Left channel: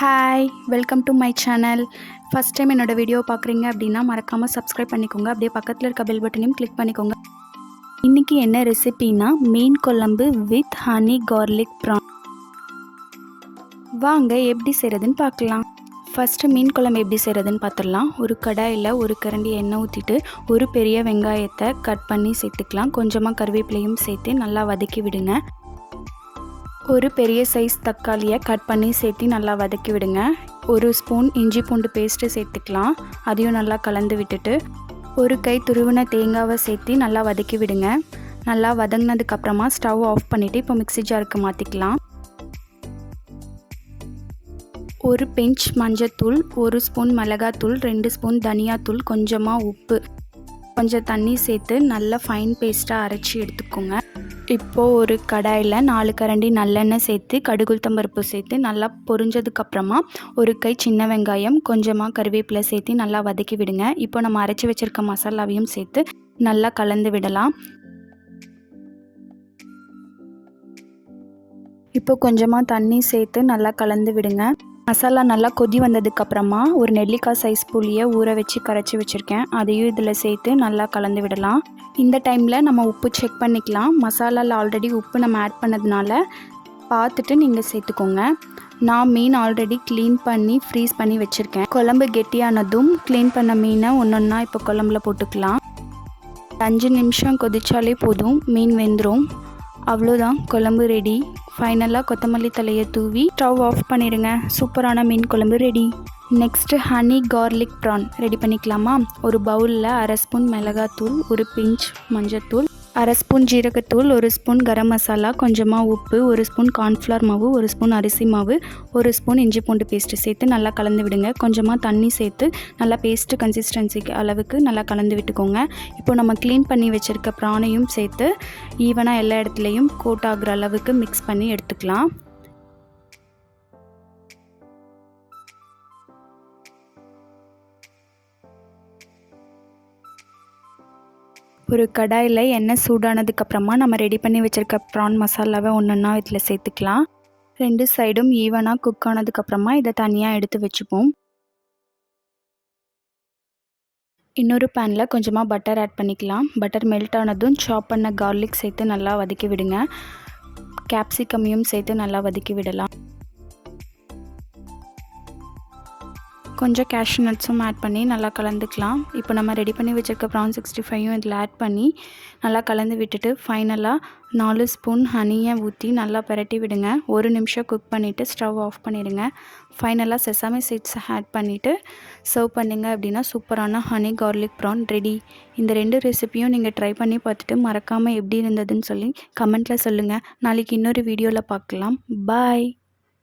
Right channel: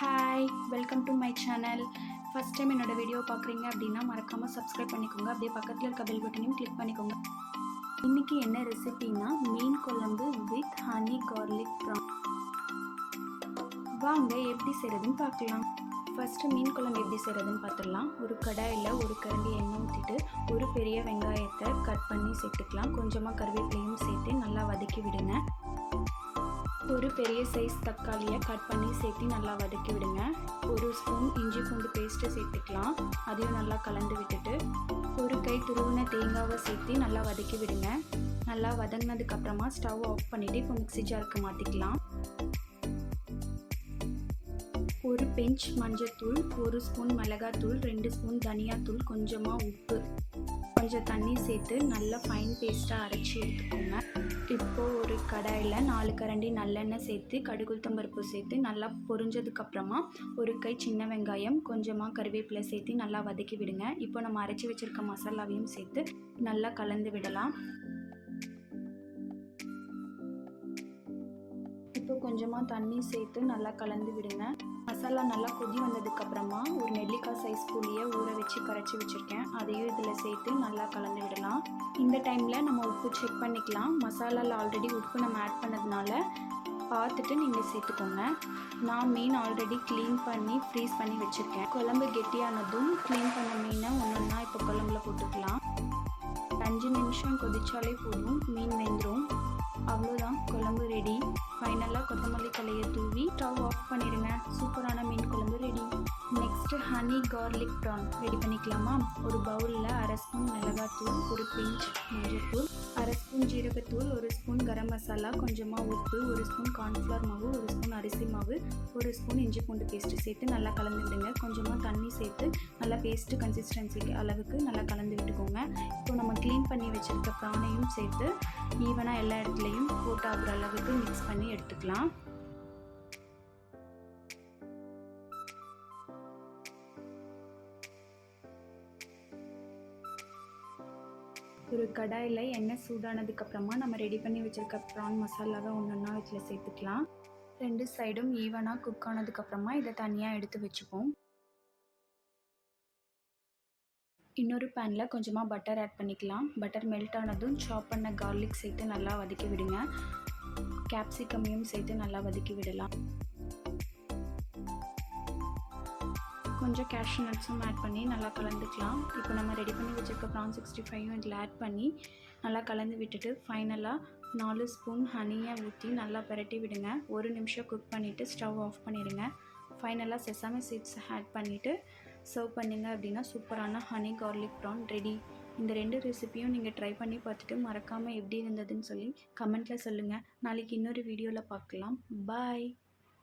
Hi welcome to my channel first time என்னோட video பார்க்குறீங்க அப்படின்னா மறக்காமல் சப்ஸ்கிரைப் பண்ணிக்கோங்க. அப்படியே பக்கத்தில் இருக்க பெல் பட்டனையும் கிளிக் பண்ணிக்கோங்க. இன்றைக்கி என்ன ரெசிபினா மீன் குழம்பு வித் ஹனி கார்லிக் ப்ரான் வாங்க எப்படி செய்கிறதுன்னு பார்க்கலாம். ஃபஸ்ட்டு மீன் குழம்பு எப்படி செய்கிறதுன்னு பார்த்துடலாம். ஒரு கடாயில் ஒரு கரண்டி எண்ணெய் ஊற்றிட்டு ஒரு பெரிய வெங்காயத்தை கட் பண்ணி சேர்த்துக்கலாம். கொஞ்சமாக கருவேப்பிலையும் சேர்த்து நல்லா வதக்கி விடுங்க. ஒரு பெரிய சைஸ் தக்காளியை கட் பண்ணி சேர்த்து நல்லா வதக்கி விடுங்க. ஒரு ஸ்பூன் இஞ்சி பூண்டு பேஸ்ட்டு சேர்த்துக்கலாம். அதையும் நல்லா கலந்து விட்டுட்டு ஒரு கை துருவின தேங்காவை சேர்த்து நல்லா வதக்கி விடுங்க. நல்லா வதங்கினதுக்கப்புறமா ஸ்டவ் ஆஃப் பண்ணிவிட்டு இப்போ மிக்ஸி ஜாருக்கு மாற்றிக்கலாம் ஒரு பெஞ்ச் மஞ்சத்தூள் ஒரு ஸ்பூன் மிளகாத்தூள் ரெண்டு ஸ்பூன் தனியாத்தூள் கொஞ்சமாக உப்பு கொஞ்சம் தண்ணி சேர்த்து நல்லா ஃபைன் பேஸ்ட்டாக அரைச்சி எடுத்துக்கோங்க. இப்போது ஒரு கடாயில் நாலு கரண்டி நல்லெண்ணெய் சேர்த்து கடுகுத்தம்பருப்பு சேர்த்து நல்லா பொரிஞ்சதுக்கப்புறமா ஒரு கை சின்ன வெங்காயம் கொஞ்சமாக கருவேப்பிலை சேர்த்து நல்லா வதக்கி விடுங்க. இப்போ நம்ம அரைச்சி வச்சுருக்க மசாலாவையும் சேர்த்து நல்லா கலந்து விடலாம். இப்போ கொஞ்சமாக தண்ணி சேர்த்து நல்லா கலந்து விடுங்க. மசாலா நல்லா கொதி வந்ததுக்கப்புறமா ஒரு நெல்லிக்காய் சைஸ் புளியை ஊற வச்சு கரைச்சி வச்சுருக்கேன். அதையும் இதில் சேர்த்து நல்லா கலந்து விடலாம். இந்த டைமில் நம்ம உப்பு செக் பண்ணிக்கலாம். மசாலாவில் ஆல்ரெடி உப்பு நம்ம ஆட் பண்ணதுனால பார்த்துட்டு நீங்கள் சேர்த்துக்கோங்க. நான் மீன் ஆல்ரெடி க்ளீன் பண்ணி ஃப்ரீஸ் பண்ணி வச்சுருக்கேன். குழம்பு கெட்டியானதும் க்ளீன் பண்ண மீனை ஒன்று ஒன்றா இப்போ குழம்புல போட்டுக்கலாம். அஞ்சு நிமிஷம் கொதிச்சாலே போதும். மீன் வெந்துடும் அவ்வளோதான். குழம்பு ரெடி ஃபைனலாக கொத்தமல்லி தலையை தூவி ஸ்டவ் ஆஃப் பண்ணிடுங்க. சூப்பரான மீன் குழம்பு ready next honey garlic prawn ready பண்ணிக்கலாமா? ஒரு பவுலில் அரை ஸ்பூன் மிளகாத்தூள் ஒரு பிஞ்ச் மஞ்சத்தூள் அரை ஸ்பூன் ஜீரகத்தூள் ஒரு ஸ்பூன் கரம் மசாலா கொஞ்சமாக உப்பு ஒரு ஸ்பூன் கார்ன்ஃப்ளவர் மாவு ஒரு ஸ்பூன் அரிசி மாவு ஒரு ஸ்பூன் இஞ்சி பூண்டு பேஸ்ட்டு சேர்த்து நல்லா கலந்து விடுங்க. கொஞ்சமாக தண்ணி சேர்த்து நல்லா பேஸ்ட்டு கன்சிஸ்டன்சிக்கு அளவுக்கு நல்லா கலந்து விட்டுக்கோங்க. இப்போ நம்ம க்ளீன் பண்ணி வச்சுருக்க ப்ரானையும் சேர்த்து ஈவனாக எல்லா இடத்துலையும் கோட் ஆகிற அளவுக்கு மிக்ஸ் பண்ணி எடுத்துக்கலாம். ஒரு கடாயில் எண்ணெய் சூடானதுக்கப்புறமா நம்ம ரெடி பண்ணி வச்சுருக்க ப்ரான் மசாலாவை ஒன்றுன்னா இதில் சேர்த்துக்கலாம். ரெண்டு சைடும் ஈவனாக குக் ஆனதுக்கப்புறமா இதை தனியாக எடுத்து வச்சுப்போம். இன்னொரு பேனில் கொஞ்சமாக பட்டர் ஆட் பண்ணிக்கலாம். பட்டர் மெல்ட் ஆனதும் சாப் பண்ண கார்லிக் சேர்த்து நல்லா வதக்கி விடுங்க. கேப்சிகமையும் சேர்த்து நல்லா வதக்கி விடலாம். கொஞ்சம் கேஷ்யூ நட்ஸும் ஆட் பண்ணி நல்லா கலந்துக்கலாம். இப்போ நம்ம ரெடி பண்ணி வச்சுருக்க ப்ரான் சிக்ஸ்டி ஃபைவும் இதில் ஆட் பண்ணி நல்லா கலந்து விட்டுட்டு ஃபைனலாக நாலு ஸ்பூன் ஹனியை ஊற்றி நல்லா பரட்டி விடுங்க. ஒரு நிமிஷம் குக் பண்ணிவிட்டு ஸ்டவ் ஆஃப் பண்ணிவிடுங்க ஃபைனலாக செசாமி சீட்ஸ் ஆட் பண்ணிவிட்டு சர்வ் பண்ணிங்க அப்படின்னா சூப்பரான ஹனி கார்லிக் ப்ரான் ரெடி இந்த ரெண்டு ரெசிபியும் நீங்கள் ட்ரை பண்ணி பார்த்துட்டு மறக்காமல் எப்படி இருந்ததுன்னு சொல்லி கமெண்ட்டில் சொல்லுங்கள் நாளைக்கு இன்னொரு வீடியோவில் பார்க்கலாம். பாய்